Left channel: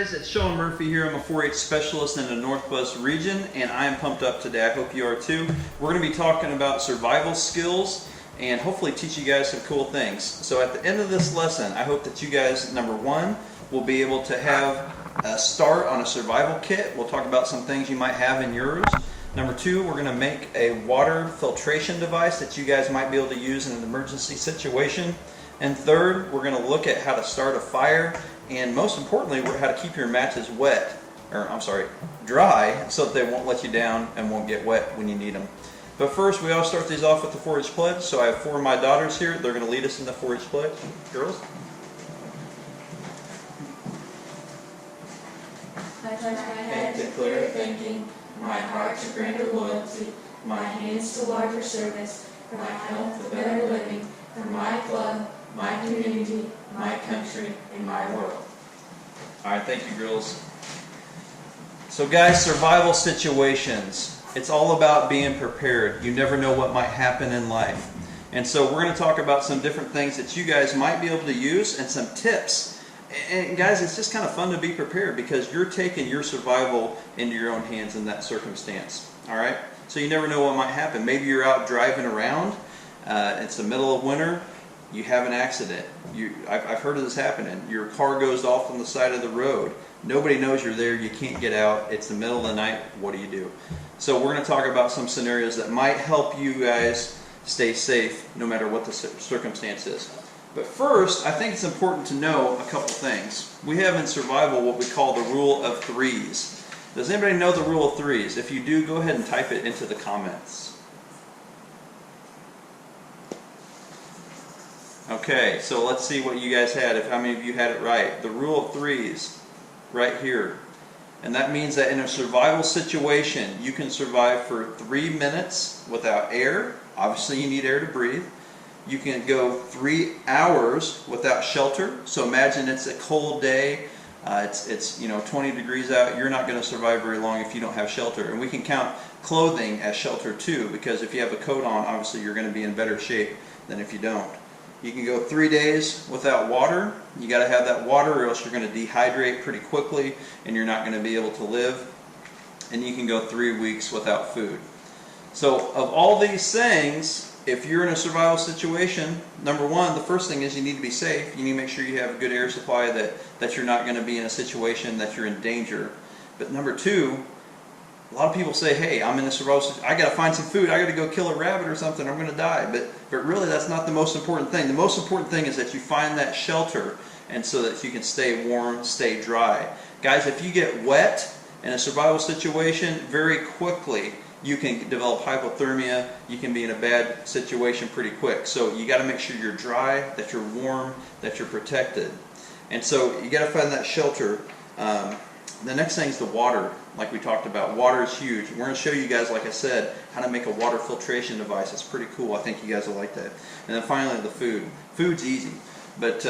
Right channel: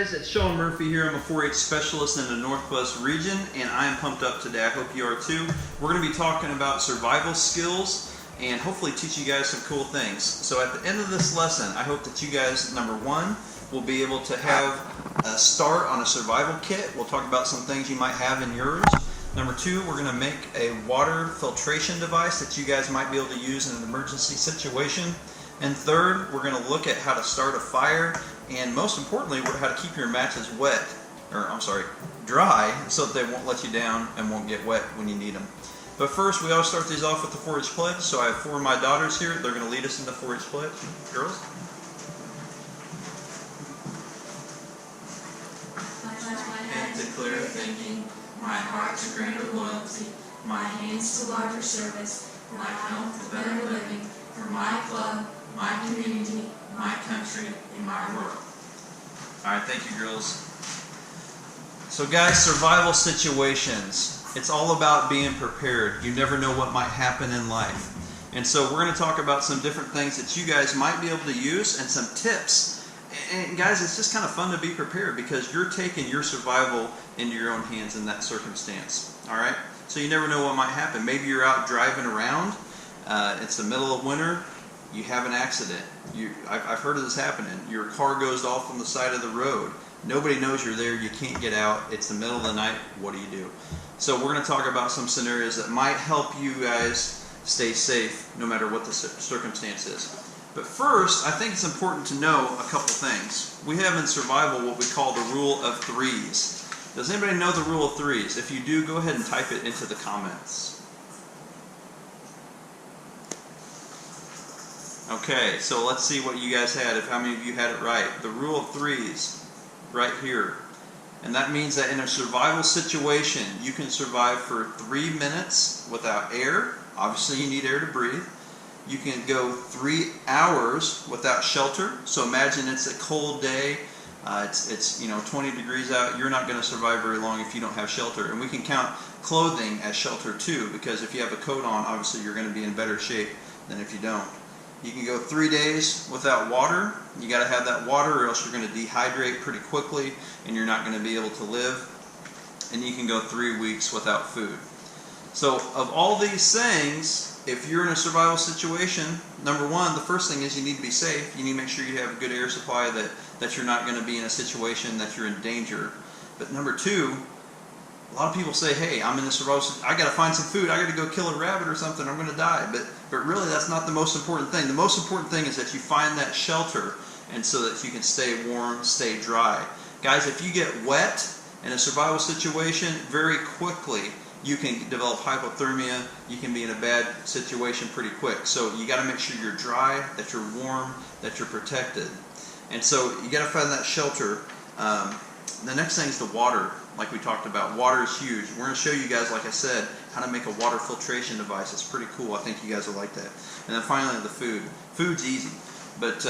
guys, it's Sean Murphy here. I'm a 4-H specialist in the Northwest region, and I am pumped up today. I hope you are too. We're going to be talking about survival skills and hopefully teach you guys some cool things. So at the end of this lesson, I hope that you guys, number one, will be able to have a start on a survival kit. We'll talk about some things you might have in yours. Number two, we're going to make a water filtration device that you guys might be able to use in an emergency situation. And third, we're going to look at how to start a fire, and most importantly, how to keep your matches dry, so that they won't let you down and won't get wet when you need them. But first, we always start these off with the 4-H pledge. So I have 4 of my daughters here. They're going to lead us in the 4-H pledge. Girls? I pledge my head to clearer thinking, my heart to greater loyalty, my hands to larger service, my health to better living, for my club, my community, my country, and my world. All right, thank you, girls. So guys, survival situations. It's all about being prepared. You never know what might happen in life. And so we're going to talk about some different things that you guys might be able to use and some tips. And guys, it's just kind of fun to be prepared because you're taking your survival into your own hands in that circumstance. All right? So you never know what might happen. Maybe you're out driving around. It's the middle of winter. You have an accident. I've heard of this happening. Your car goes off on the side of the road. Nobody knows you're there. You can't get out. It's the middle of the night. What do? So we're going to talk about some scenarios that might help you guys stay safe no matter what the circumstance is. But first, I think it's important to know a couple things. We have in survival what we call the rule of threes. Does anybody know the rule of threes? If you do, go ahead and type it into the comments. Okay, so let's see what you guys had, how many of you had it right. The rule of threes, right here. And that means that in a survival situation, you can survive for 3 minutes without air. Obviously, you need air to breathe. You can go 3 hours without shelter. So imagine it's a cold day. It's 20 degrees out. You're not going to survive very long if you don't have shelter. And we can count clothing as shelter too, because if you have a coat on, obviously you're going to be in better shape than if you don't. You can go 3 days without water. You got to have that water or else you're going to dehydrate pretty quickly and you're not going to be able to live. And you can go 3 weeks without food. So of all these things, if you're in a survival situation, number one, the first thing is you need to be safe. You need to make sure you have a good air supply, that you're not going to be in a situation that you're in danger. But number two, a lot of people say, hey, I'm in a survival situation, I got to find some food, I got to go kill a rabbit or something, I'm going to die. But really that's not the most important thing. The most important thing is that you find that shelter and so that you can stay warm, stay dry. Guys, if you get wet in a survival situation, very quickly you can develop hypothermia, you can be in a bad situation pretty quick. So you got to make sure you're dry, that you're warm, that you're protected. And so you got to find that shelter. The next thing is the water, like we talked about. Water is huge. We're going to show you guys, like I said, how to make a water filtration device. It's pretty cool. I think you guys will like that. And then finally, the food. Food's easy, but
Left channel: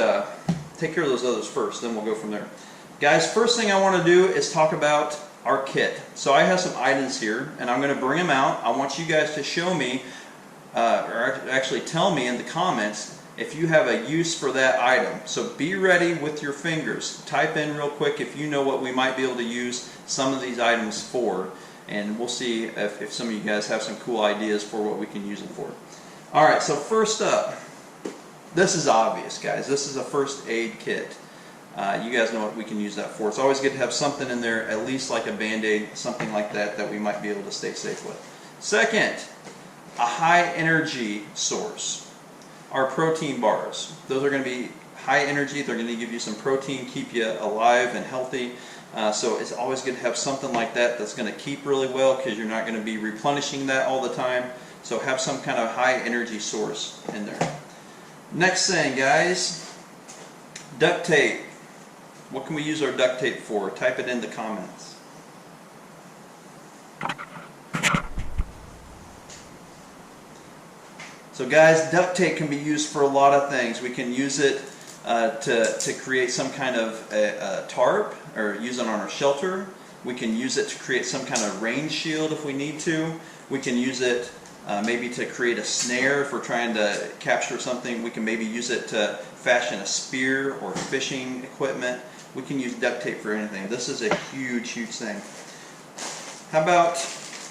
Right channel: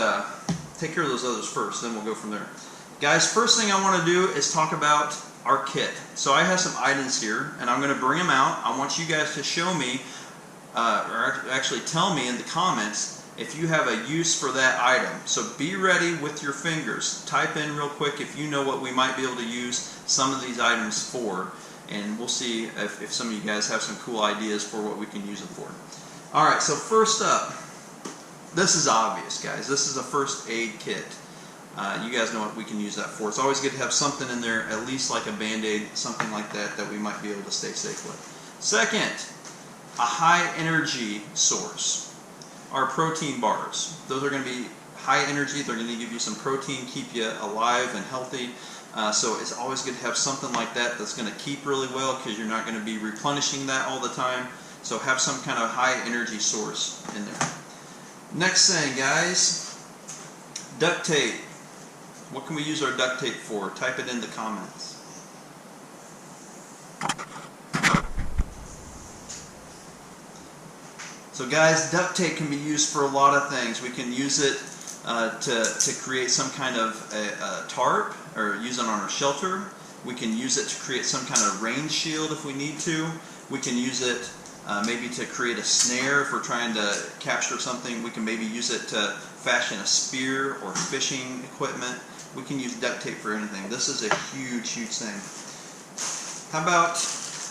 take care of those others first, then we'll go from there. Guys, first thing I want to do is talk about our kit. So I have some items here, and I'm going to bring them out. I want you guys to show me, or actually tell me in the comments, if you have a use for that item. So be ready with your fingers. Type in real quick if you know what we might be able to use some of these items for. And we'll see if some of you guys have some cool ideas for what we can use them for. Alright, so first up, this is obvious, guys. This is a first aid kit. You guys know what we can use that for. It's always good to have something in there, at least like a Band-Aid, something like that we might be able to stay safe with. Second, a high energy source. Our protein bars. Those are going to be high energy. They're going to give you some protein, keep you alive and healthy. So it's always good to have something like that that's going to keep really well because you're not going to be replenishing that all the time. So have some kind of high energy source in there. Next thing, guys, duct tape. What can we use our duct tape for? Type it in the comments. So guys, duct tape can be used for a lot of things. We can use it to create some kind of a tarp, or use it on our shelter. We can use it to create some kind of rain shield if we need to. We can use it maybe to create a snare if we're trying to capture something. We can maybe use it to fashion a spear or fishing equipment. We can use duct tape for anything. This is a huge, huge thing. How about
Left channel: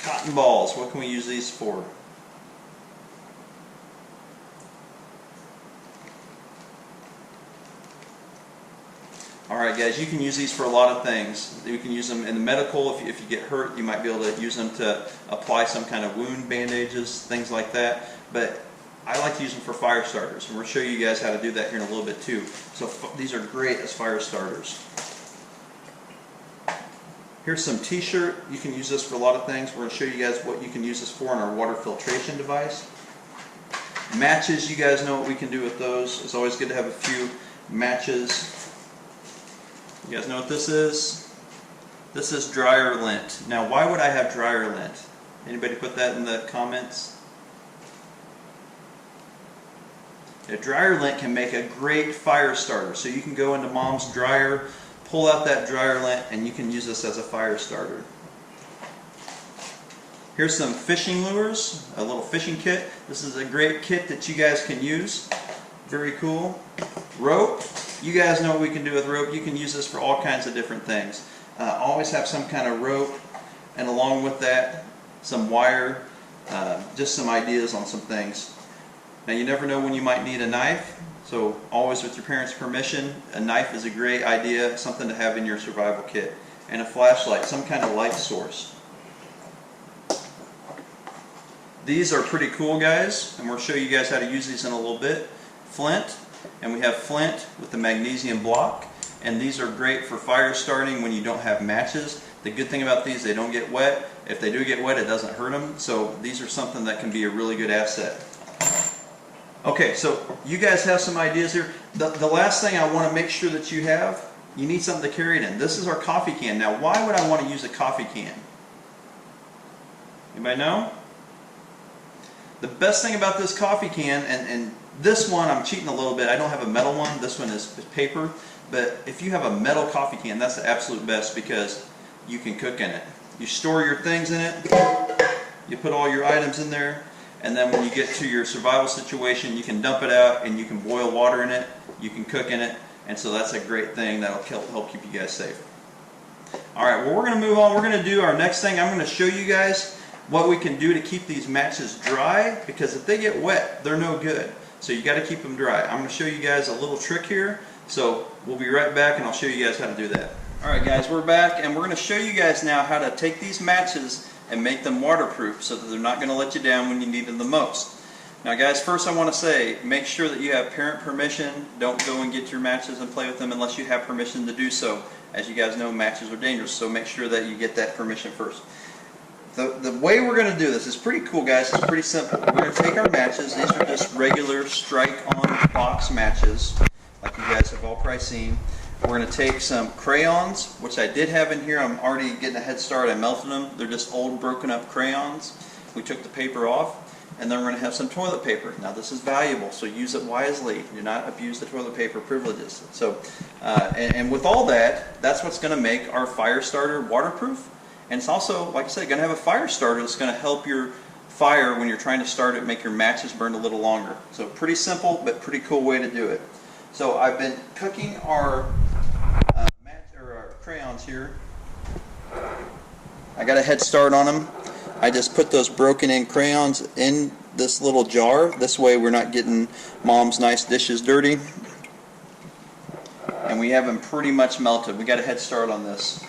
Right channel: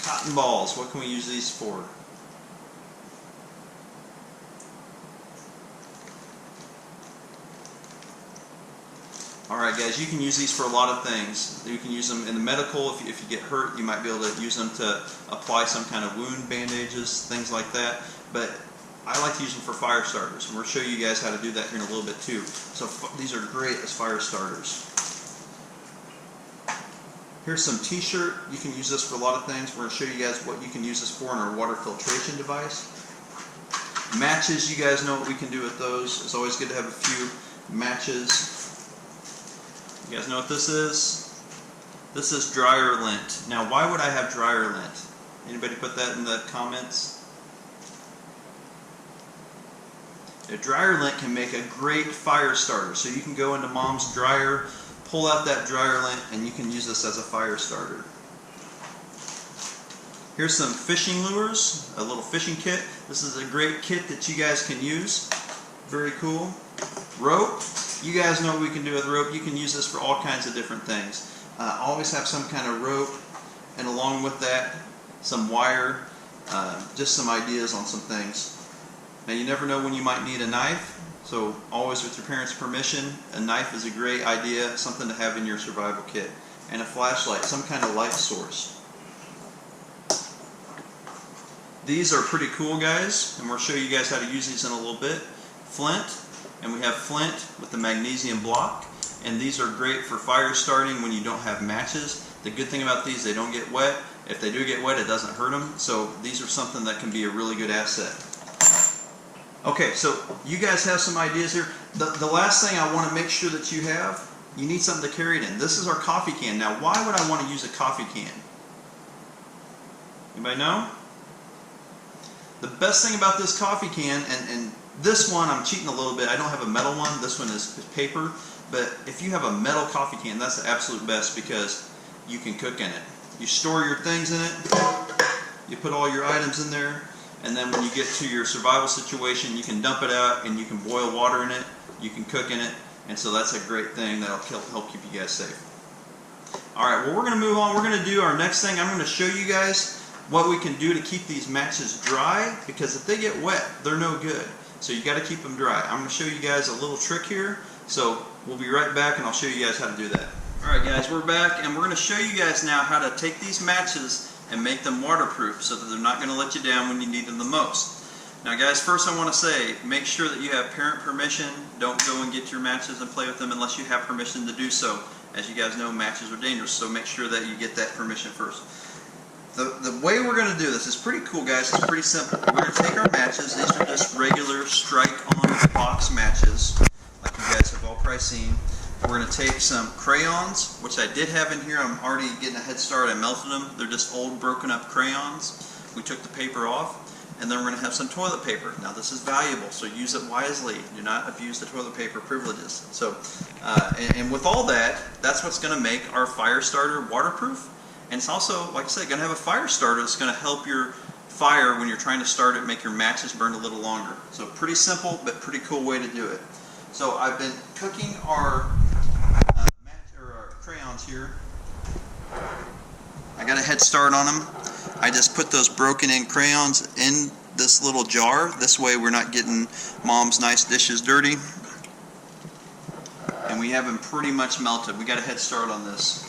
cotton balls? What can we use these for? Alright guys, you can use these for a lot of things. You can use them in the medical. If you get hurt, you might be able to use them to apply some kind of wound bandages, things like that. But I like to use them for fire starters, and we're going to show you guys how to do that here in a little bit too. So these are great as fire starters. Here's some t-shirt. You can use this for a lot of things. We're going to show you guys what you can use this for in our water filtration device. Matches, you guys know what we can do with those. It's always good to have a few matches. You guys know what this is? This is dryer lint. Now, why would I have dryer lint? Anybody put that in the comments? A dryer lint can make a great fire starter. So you can go into mom's dryer, pull out that dryer lint, and you can use this as a fire starter. Here's some fishing lures, a little fishing kit. This is a great kit that you guys can use. Very cool. Rope. You guys know what we can do with rope. You can use this for all kinds of different things. Always have some kind of rope, and along with that, some wire, just some ideas on some things. Now you never know when you might need a knife, so always with your parents' permission, a knife is a great idea, something to have in your survival kit. And a flashlight, some kind of light source. These are pretty cool, guys, and we'll show you guys how to use these in a little bit. Flint. And we have flint with the magnesium block, and these are great for fire starting when you don't have matches. The good thing about these, they don't get wet. If they do get wet, it doesn't hurt them. So these are something that can be a really good asset. Okay, so you guys have some ideas here. The last thing I want to make sure that you have, you need something to carry it in. This is our coffee can. Now, why would I want to use a coffee can? Anybody know? The best thing about this coffee can, and this one, I'm cheating a little bit. I don't have a metal one. This one is paper. But if you have a metal coffee can, that's the absolute best because you can cook in it. You store your things in it. You put all your items in there. And then when you get to your survival situation, you can dump it out and you can boil water in it. You can cook in it. And so that's a great thing that'll help keep you guys safe. All right, well, we're going to move on. We're going to do our next thing. I'm going to show you guys what we can do to keep these matches dry, because if they get wet, they're no good. So you got to keep them dry. I'm going to show you guys a little trick here. So we'll be right back and I'll show you guys how to do that. All right, guys, we're back and we're going to show you guys now how to take these matches and make them waterproof so that they're not going to let you down when you need them the most. Now, guys, first I want to say, make sure that you have parent permission. Don't go and get your matches and play with them unless you have permission to do so. As you guys know, matches are dangerous, so make sure that you get that permission first. The way we're going to do this is pretty cool, guys. It's pretty simple. We're going to take our matches. These are just regular strike-on box matches, like you guys have all probably seen. We're going to take some crayons, which I did have in here. I'm already getting a head start. I melted them. They're just old, broken-up crayons. We took the paper off, and then we're going to have some toilet paper. Now, this is valuable, so use it wisely. Do not abuse the toilet paper privileges. So, and with all that, that's what's going to make our fire starter waterproof. And it's also, like I said, going to have a fire starter that's going to help your fire when you're trying to start it, make your matches burn a little longer. So pretty simple, but pretty cool way to do it. So I've been cooking our our crayons here. I got a head start on them. I just put those broken in crayons in this little jar. This way we're not getting mom's nice dishes dirty. And we have them pretty much melted. We got a head start on this.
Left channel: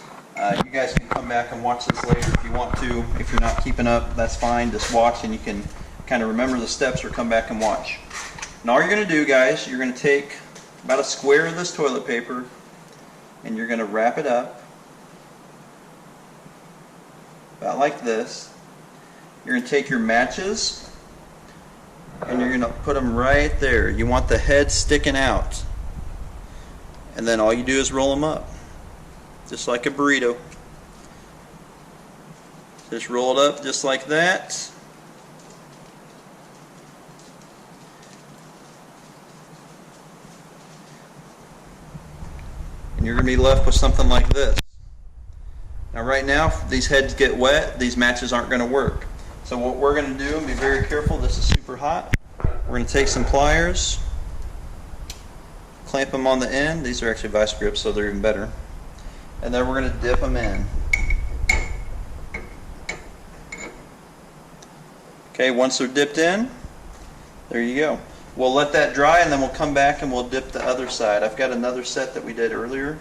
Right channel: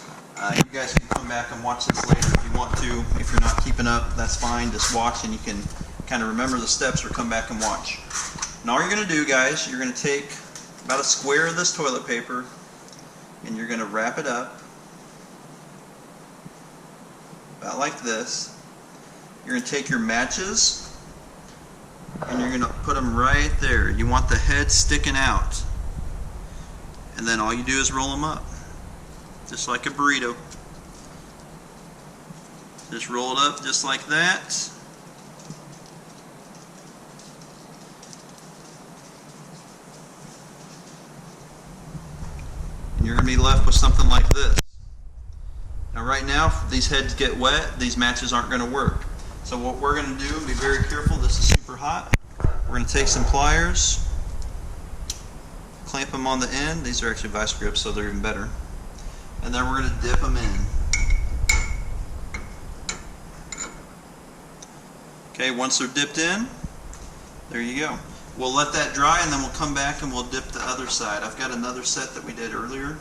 You guys can come back and watch this later if you want to. If you're not keeping up, that's fine. Just watch and you can kind of remember the steps or come back and watch. Now all you're going to do, guys, you're going to take about a square of this toilet paper and you're going to wrap it up about like this. You're going to take your matches and you're going to put them right there. You want the head sticking out. And then all you do is roll them up. Just like a burrito. Just roll it up just like that. And you're going to be left with something like this. Now right now, if these heads get wet, these matches aren't going to work. So what we're going to do, and be very careful, this is super hot. We're going to take some pliers, clamp them on the end. These are actually vice grips, so they're even better. And then we're going to dip them in. Okay, once they're dipped in, there you go. We'll let that dry and then we'll come back and we'll dip the other side. I've got another set that we did earlier.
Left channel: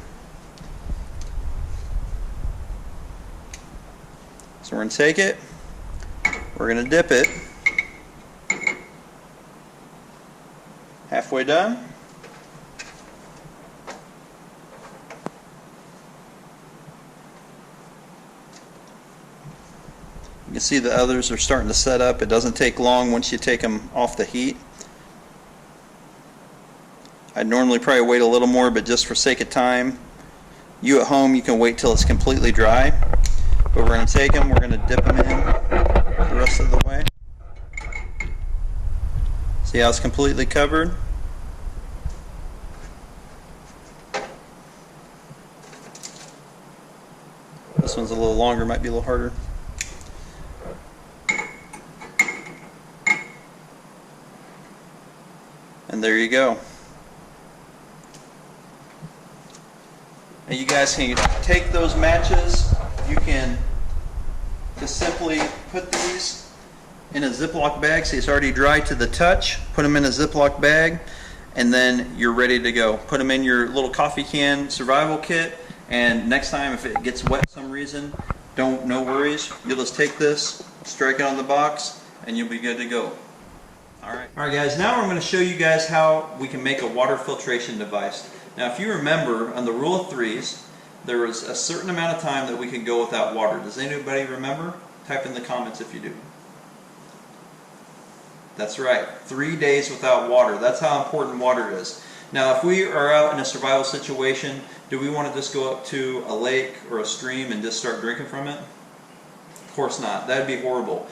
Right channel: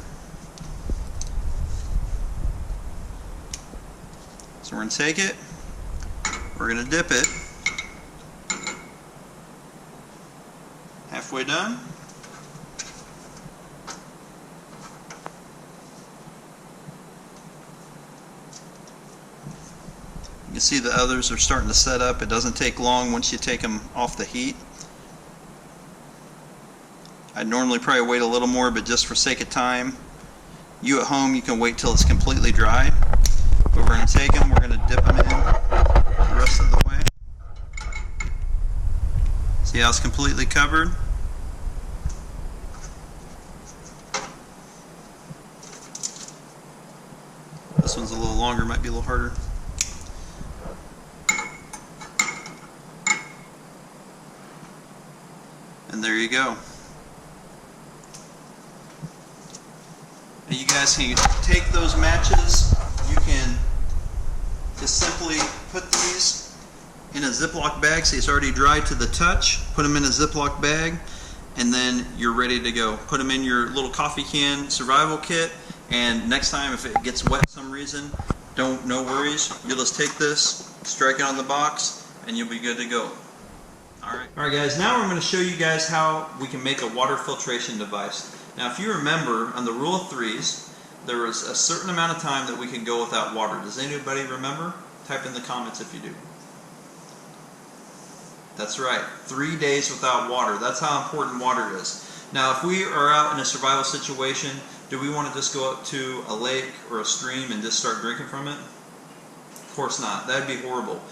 So we're going to take it, we're going to dip it. Halfway done. You can see the others are starting to set up. It doesn't take long once you take them off the heat. I'd normally probably wait a little more, but just for sake of time, you at home, you can wait till it's completely dry. But we're going to take them, we're going to dip them in the rest of the way. See how it's completely covered? This one's a little longer, might be a little harder. And there you go. And you guys can take those matches, you can just simply put these in a Ziploc bag. See, it's already dry to the touch. Put them in a Ziploc bag and then you're ready to go. Put them in your little coffee can survival kit, and next time if it gets wet for some reason, no worries. You'll just take this, strike it on the box, and you'll be good to go. Alright guys, now I'm going to show you guys how we can make a water filtration device. Now if you remember, on the rule of threes, there was a certain amount of time that we could go without water. Does anybody remember? Type in the comments if you do. That's right, 3 days without water. That's how important water is. Now if we are out in a survival situation, do we want to just go up to a lake or a stream and just start drinking from it? Of course not. That'd be horrible.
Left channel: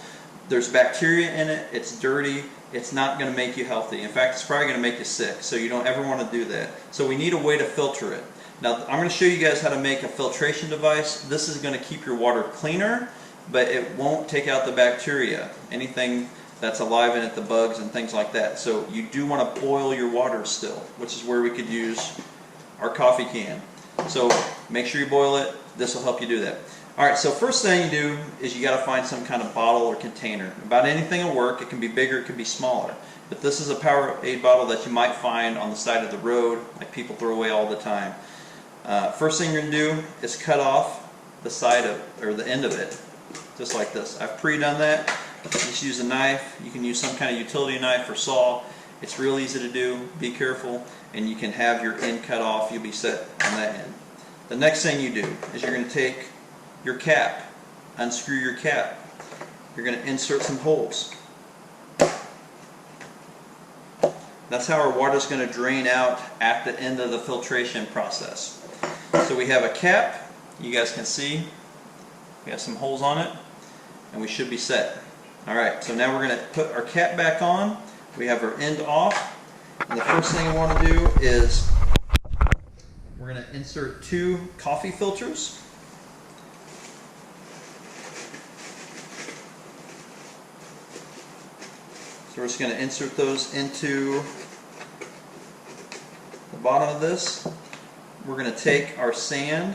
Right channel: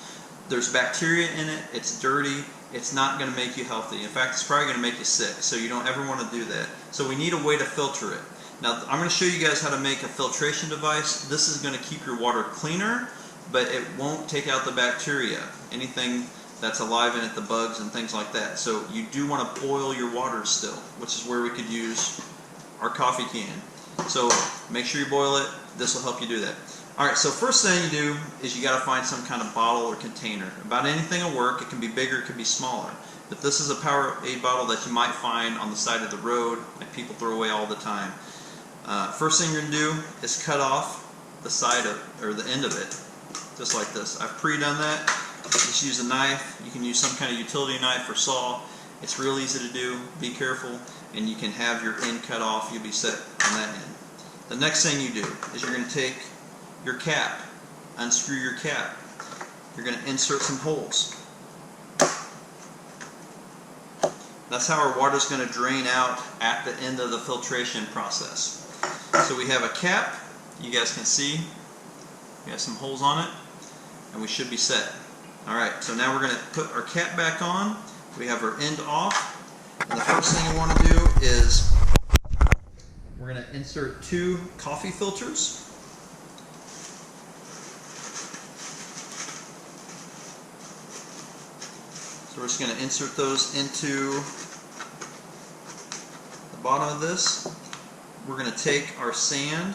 There's bacteria in it, it's dirty, it's not going to make you healthy. In fact, it's probably going to make you sick, so you don't ever want to do that. So we need a way to filter it. Now I'm going to show you guys how to make a filtration device. This is going to keep your water cleaner, but it won't take out the bacteria, anything that's alive in it, the bugs and things like that. So you do want to boil your water still, which is where we could use our coffee can. So make sure you boil it. This will help you do that. Alright, so first thing you do is you got to find some kind of bottle or container. About anything will work. It can be bigger, it can be smaller. But this is a Powerade bottle that you might find on the side of the road, like people throw away all the time. First thing you're going to do is cut off the side of, or the end of it, just like this. I've pre-done that. Just use a knife. You can use some kind of utility knife or saw. It's real easy to do. Be careful, and you can have your end cut off. You'll be set on that end. The next thing you do is you're going to take your cap, unscrew your cap. You're going to insert some holes. That's how our water is going to drain out at the end of the filtration process. So we have a cap, you guys can see, we have some holes on it, and we should be set. Alright, so now we're going to put our cap back on, we have our end off, and the first thing we want to do is we're going to insert 2 coffee filters. So we're just going to insert those into the bottom of this. We're going to take our sand,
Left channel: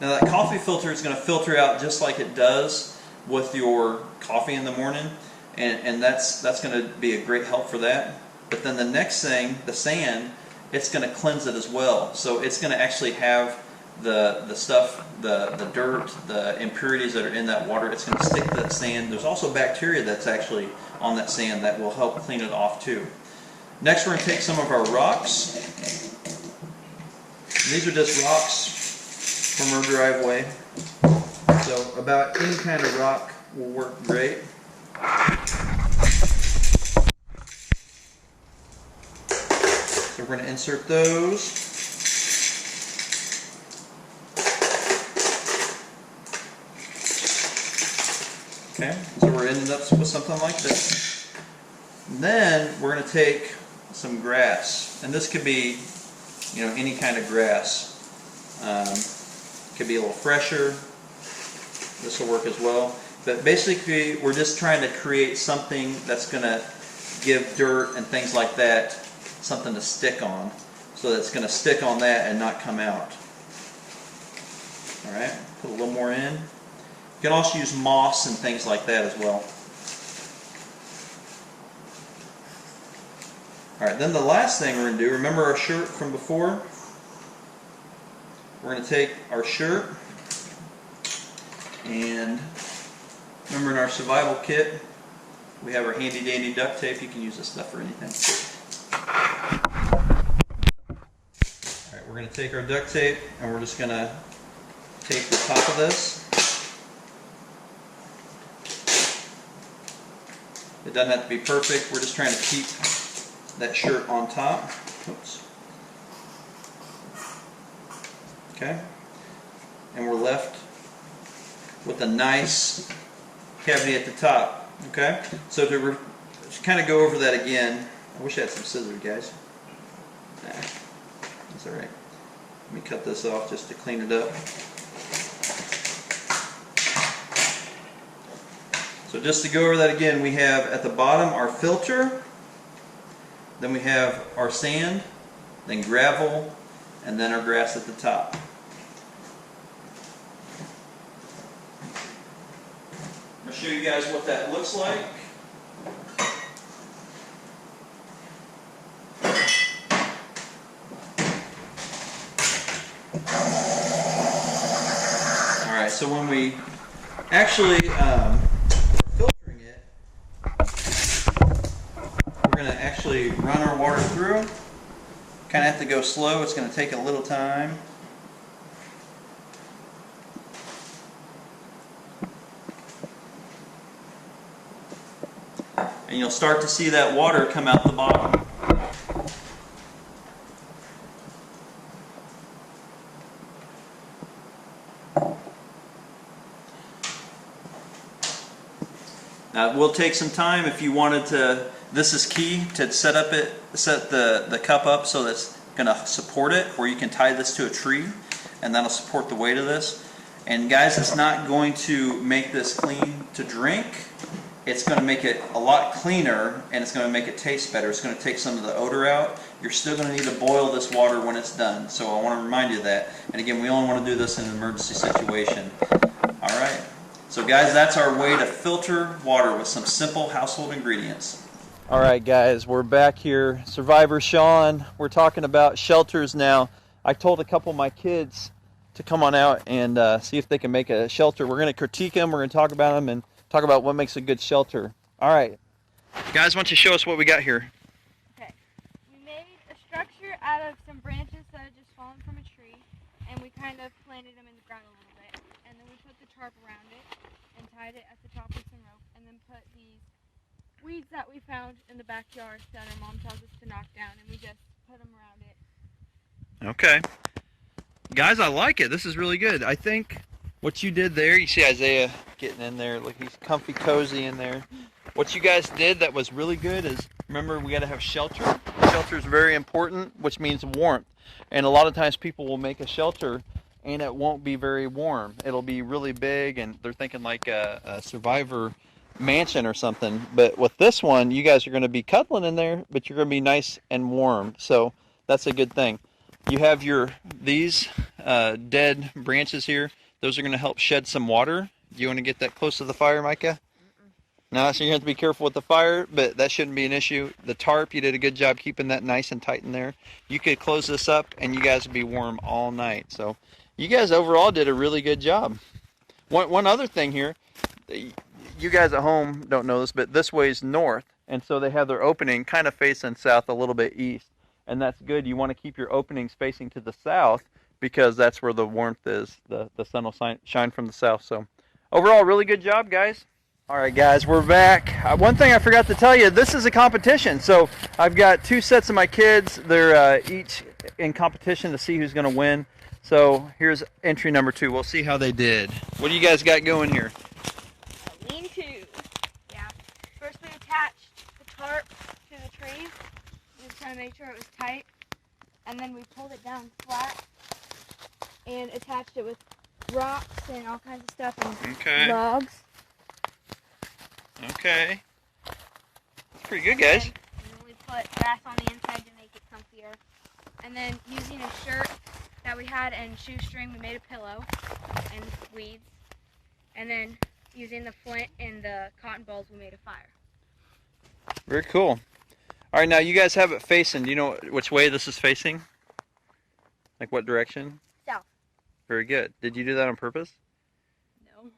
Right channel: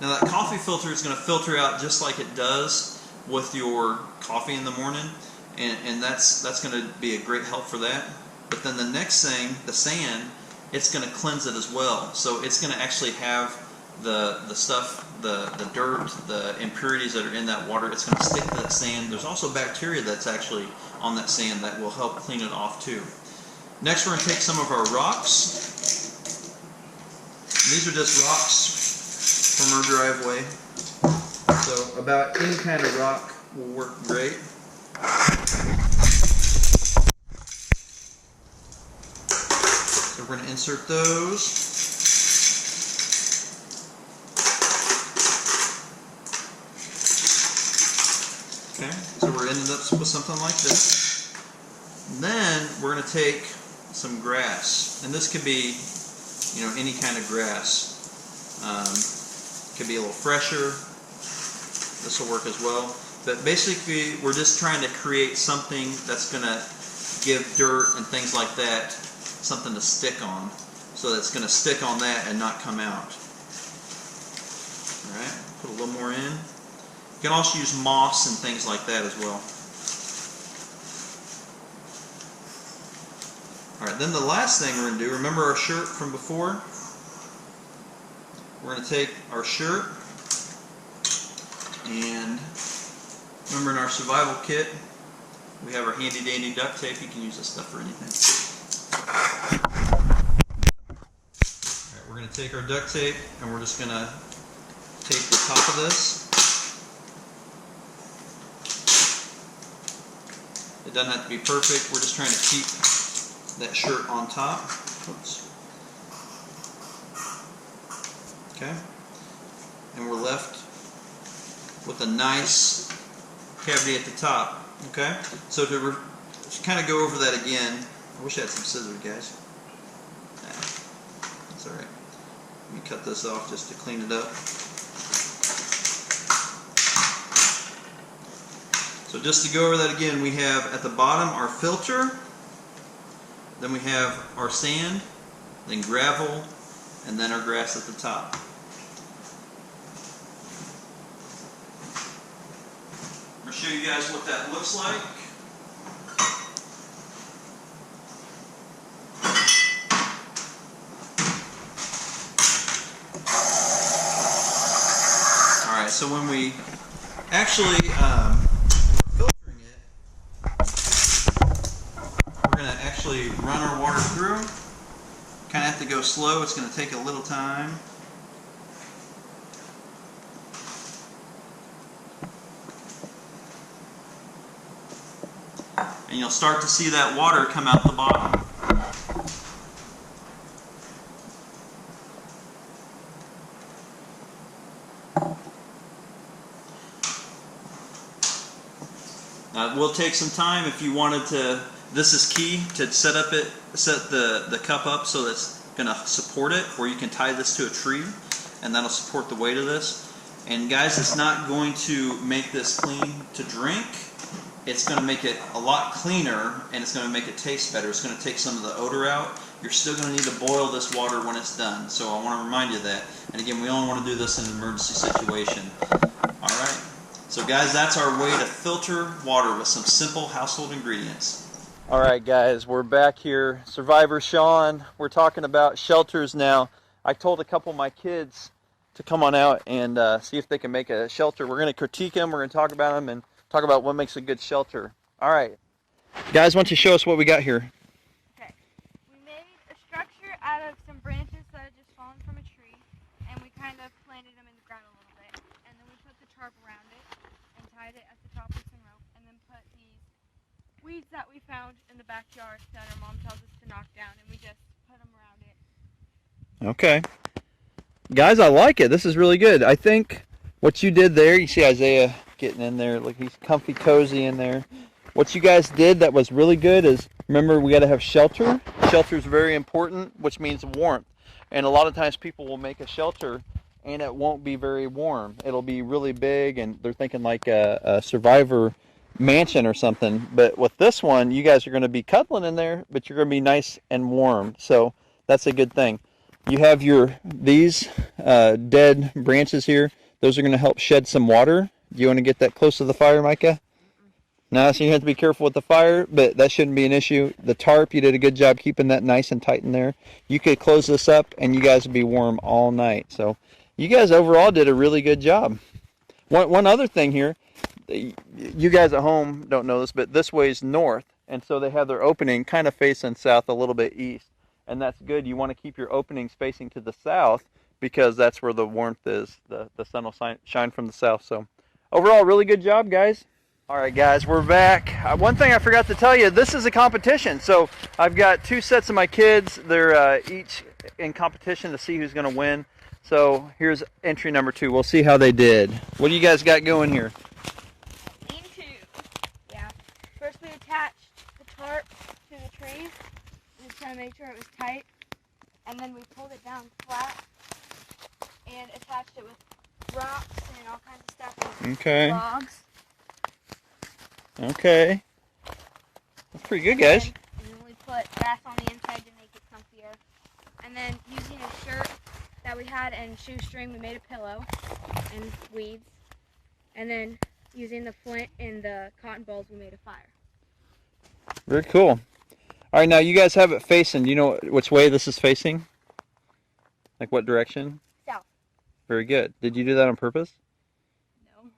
now that coffee filter is going to filter out just like it does with your coffee in the morning, and that's going to be a great help for that. But then the next thing, the sand, it's going to cleanse it as well. So it's going to actually have the stuff, the dirt, the impurities that are in that water. It's going to stick to that sand. There's also bacteria that's actually on that sand that will help clean it off too. Next we're going to take some of our rocks. These are just rocks from our driveway. So about any kind of rock will work great. So we're going to insert those. Okay, so we're ending up with something like this. And then we're going to take some grass, and this could be, you know, any kind of grass. It could be a little fresher, This will work as well. But basically, we're just trying to create something that's going to give dirt and things like that something to stick on. So that's going to stick on that and not come out. Alright, put a little more in. You can also use moss and things like that as well. Alright, then the last thing we're going to do, remember our shirt from before? We're going to take our shirt and remember in our survival kit, we have our handy dandy duct tape. You can use this stuff for anything. Alright, we're going to take our duct tape and we're just going to tape the top of this. It doesn't have to be perfect. We're just trying to keep that shirt on top. Oops. Okay. And we're left with a nice cavity at the top. Okay. So to kind of go over that again, I wish I had some scissors, guys. Nah, that's all right. Let me cut this off just to clean it up. So just to go over that again, we have at the bottom our filter, then we have our sand, then gravel, and then our grass at the top. I'm going to show you guys what that looks like. Alright, so when we actually filtering it, we're going to actually run our water through. Kind of have to go slow. It's going to take a little time. And you'll start to see that water come out the bottom. Now it will take some time if you wanted to. This is key to set the cup up so that's going to support it, where you can tie this to a tree and that'll support the weight of this. And guys, it's not going to make this clean to drink. It's going to make it a lot cleaner and it's going to make it taste better. It's going to take some of the odor out. You're still going to need to boil this water when it's done. So I want to remind you of that. And again, we only want to do this in an emergency situation. Alright. So guys, that's our way to filter water with some simple household ingredients. Alright guys, we're back here. Survivor Sean, we're talking about shelters now. I told a couple of my kids to come on out and see if they can make a shelter. We're going to critique them, we're going to talk about them, and talk about what makes a good shelter. Alright, guys, why don't you show us what we got here? Okay, we made a structure out of some branches that had just fallen from a tree, and we kind of planted them in the ground a little bit, and then we put the tarp around it and tied it at the top with some rope, and then put these weeds that we found in the backyard that our mom tells us to knock down, and we just put them around it. Okay. Guys, I like it. This is really good. I think what you did there, you see Isaiah getting in there. Look, he's comfy, cozy in there. What you guys did that was really good is, remember, we got to have shelter. Shelter is very important, which means warmth. And a lot of times people will make a shelter and it won't be very warm. It'll be really big, and they're thinking like a survivor mansion or something. But with this one, you guys are going to be cuddling in there, but you're going to be nice and warm. So that's a good thing. You have these dead branches here. Those are going to help shed some water. Do you want to get that close to the fire, Micah? No, so you have to be careful with the fire, but that shouldn't be an issue. The tarp, you did a good job keeping that nice and tight in there. You could close this up and you guys would be warm all night. So you guys overall did a really good job. One other thing here, you guys at home don't know this, but this way is north, and so they have their opening kind of facing south, a little bit east, and that's good. You want to keep your openings facing to the south because that's where the warmth is. The sun will shine from the south. So overall, really good job, guys. All right, guys, we're back. One thing I forgot to tell you, this is a competition. So I've got two sets of my kids. They're each in competition to see who's going to win. So here's entry number 2. We'll see how they did. What do you guys got going here? Lean-to. Yeah. First we attached the tarp to the tree. We just trying to make sure it was tight. And then we pulled it down flat and attached it with rocks and all kinds of stuff and Okay. logs. Okay. That's pretty good, And guys. then we put grass on the inside to make it comfier. And then using a shirt that we had and shoestring, we made a pillow and weeds. And then using the flint and the cotton balls, we made a fire. Very cool. All right, now you guys have it facing. Do you know which way this is facing? Like what direction? South. Very good. Did you do that on purpose? No.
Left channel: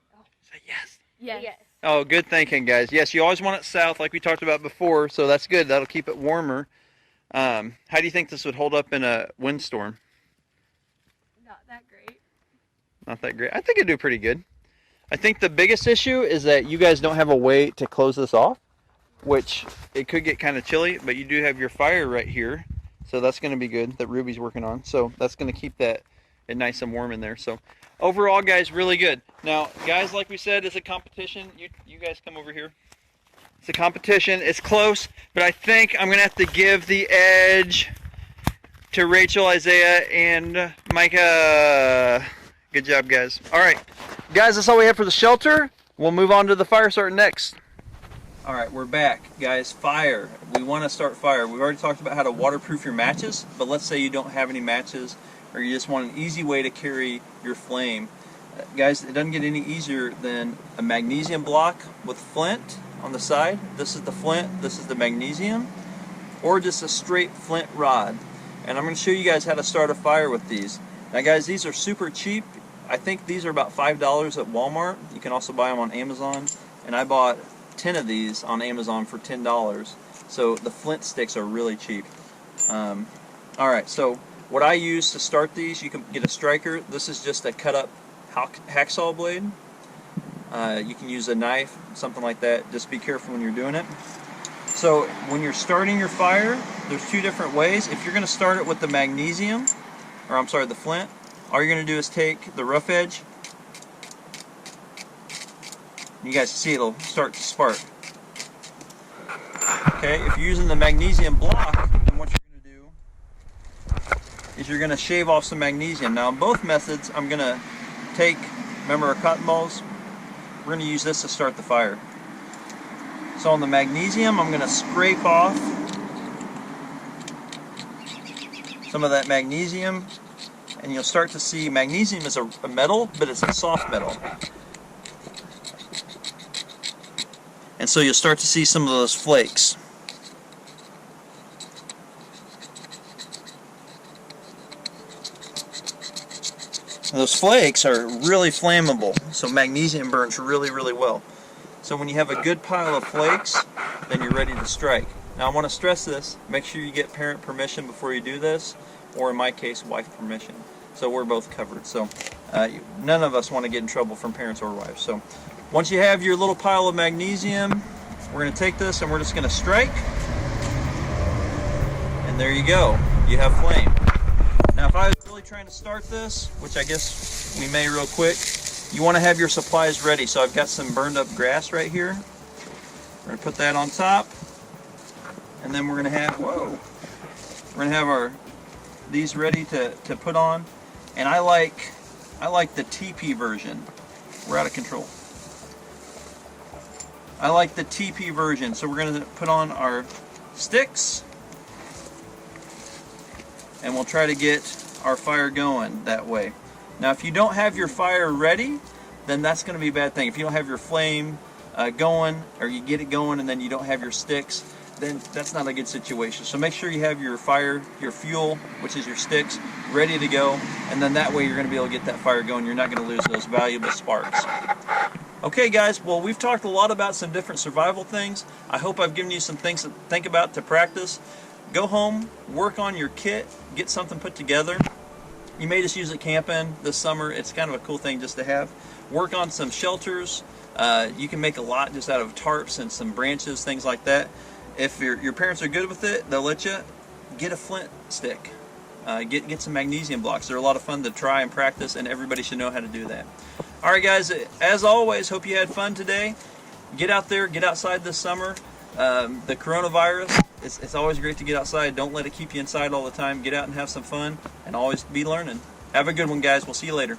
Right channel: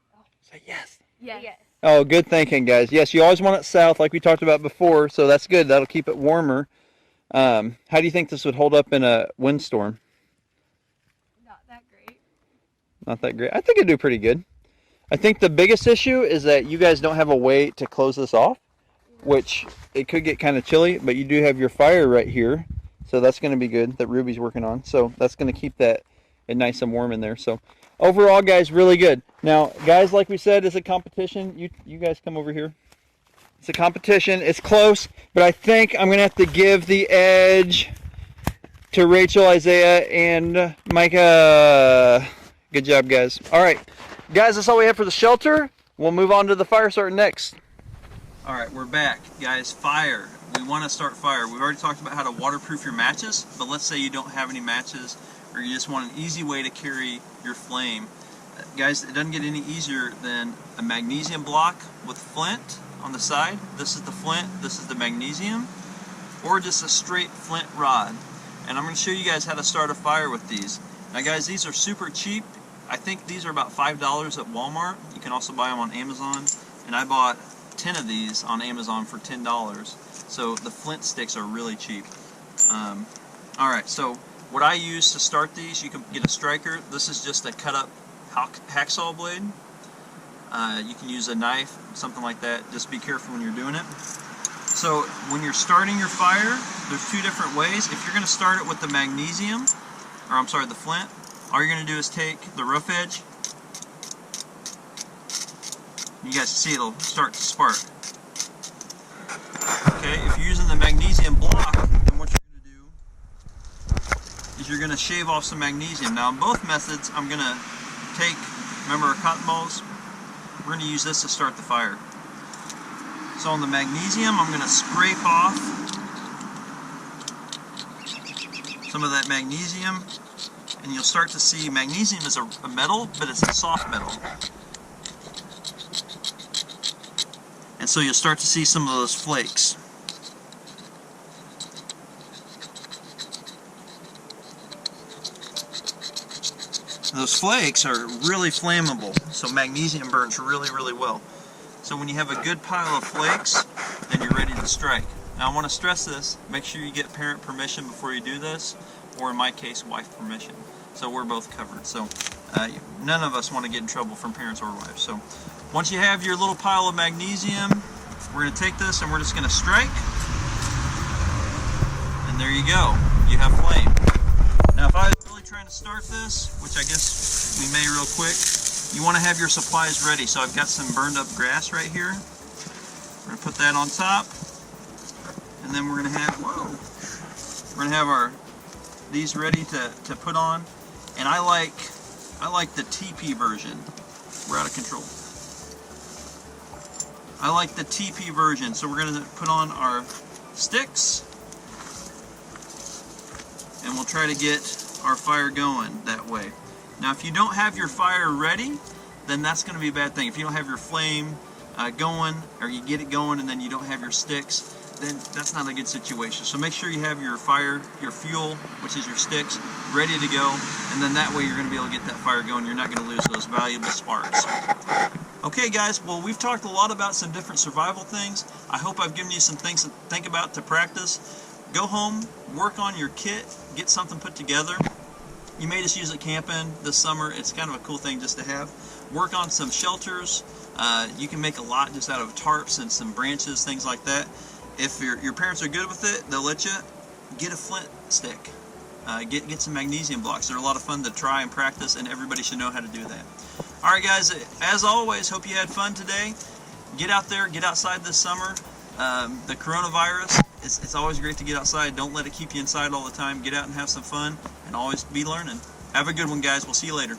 Say yes. Yes. Oh, good thinking, guys. Yes, you always want it south, like we talked about before, so that's good. That'll keep it warmer. How do you think this would hold up in a windstorm? Not that great. Not that great. I think it'd do pretty good. I think the biggest issue is that you guys don't have a way to close this off, which it could get kind of chilly, but you do have your fire right here, so that's going to be good that Ruby's working on. So that's going to keep that nice and warm in there. So overall, guys, really good. Now, guys, like we said, it's a competition. You guys come over here. It's a competition. It's close, but I think I'm going to have to give the edge to Rachel, Isaiah, and Micah. Good job, guys. All right, guys, that's all we have for the shelter. We'll move on to the fire starting next. All right, we're back, guys. Fire. We want to start fire. We've already talked about how to waterproof your matches, but let's say you don't have any matches or you just want an easy way to carry your flame. Guys, it doesn't get any easier than a magnesium block with flint on the side. This is the flint, this is the magnesium, or just a straight flint rod. And I'm going to show you guys how to start a fire with these. Now, guys, these are super cheap. I think these are about $5 at Walmart. You can also buy them on Amazon. And I bought 10 of these on Amazon for $10. So the flint sticks are really cheap. Alright, so what I use to start these, you can get a striker. This is just a cut up hacksaw blade. You can use a knife, something like that. Just be careful when you're doing it. So when you're starting your fire, there's two different ways. If you're going to start it with the magnesium, or I'm sorry, the flint, all you're going to do is take the rough edge. You guys see it'll start to spark. Okay, if you're using the magnesium block, then what you're going to do is you're going to shave off some magnesium. Now in both methods, I'm going to take, remember our cotton balls? We're going to use this to start the fire. So on the magnesium, I'm going to scrape off some of that magnesium, and you'll start to see magnesium is a metal, but it's a soft metal. And so you'll start to see some of those flakes. Those flakes are really flammable, so magnesium burns really, really well. So when you have a good pile of flakes, then you're ready to strike. Now I want to stress this, make sure you get parent permission before you do this, or in my case, wife permission. So we're both covered. So none of us want to get in trouble from parents or wives. So once you have your little pile of magnesium, we're going to take this and we're just going to strike. And there you go. You have flame. Now if I was really trying to start this, which I guess we may real quick, you want to have your supplies ready. So I've got some burned up grass right here. We're going to put that on top. And then we're going to have, we're going to have these ready to put on. And I like the TP version. We're out of control. I like the TP version. So we're going to put on our sticks. And we'll try to get our fire going that way. Now if you don't have your fire ready, then that's going to be a bad thing. If you don't have your flame going, or you get it going and then you don't have your sticks, then that's not a good situation. So make sure you have your fire, your fuel, which is your sticks, ready to go, and then that way you're going to be able to get that fire going. You're not going to lose those valuable sparks. Okay guys, well we've talked a lot about some different survival things. I hope I've given you some things to think about to practice. Go home, work on your kit, get something put together. You may just use it camping this summer. It's kind of a cool thing just to have. Work on some shelters. You can make a lot just out of tarps and some branches, things like that. If your parents are good with it, they'll let you get a flint stick. Get some magnesium blocks. They're a lot of fun to try and practice, and everybody should know how to do that. Alright guys, as always, hope you had fun today. Get out there, get outside this summer. The coronavirus, it's always great to get outside. Don't let it keep you inside all the time. Get out and have some fun, and always be learning. Have a good one, guys. We'll see you later.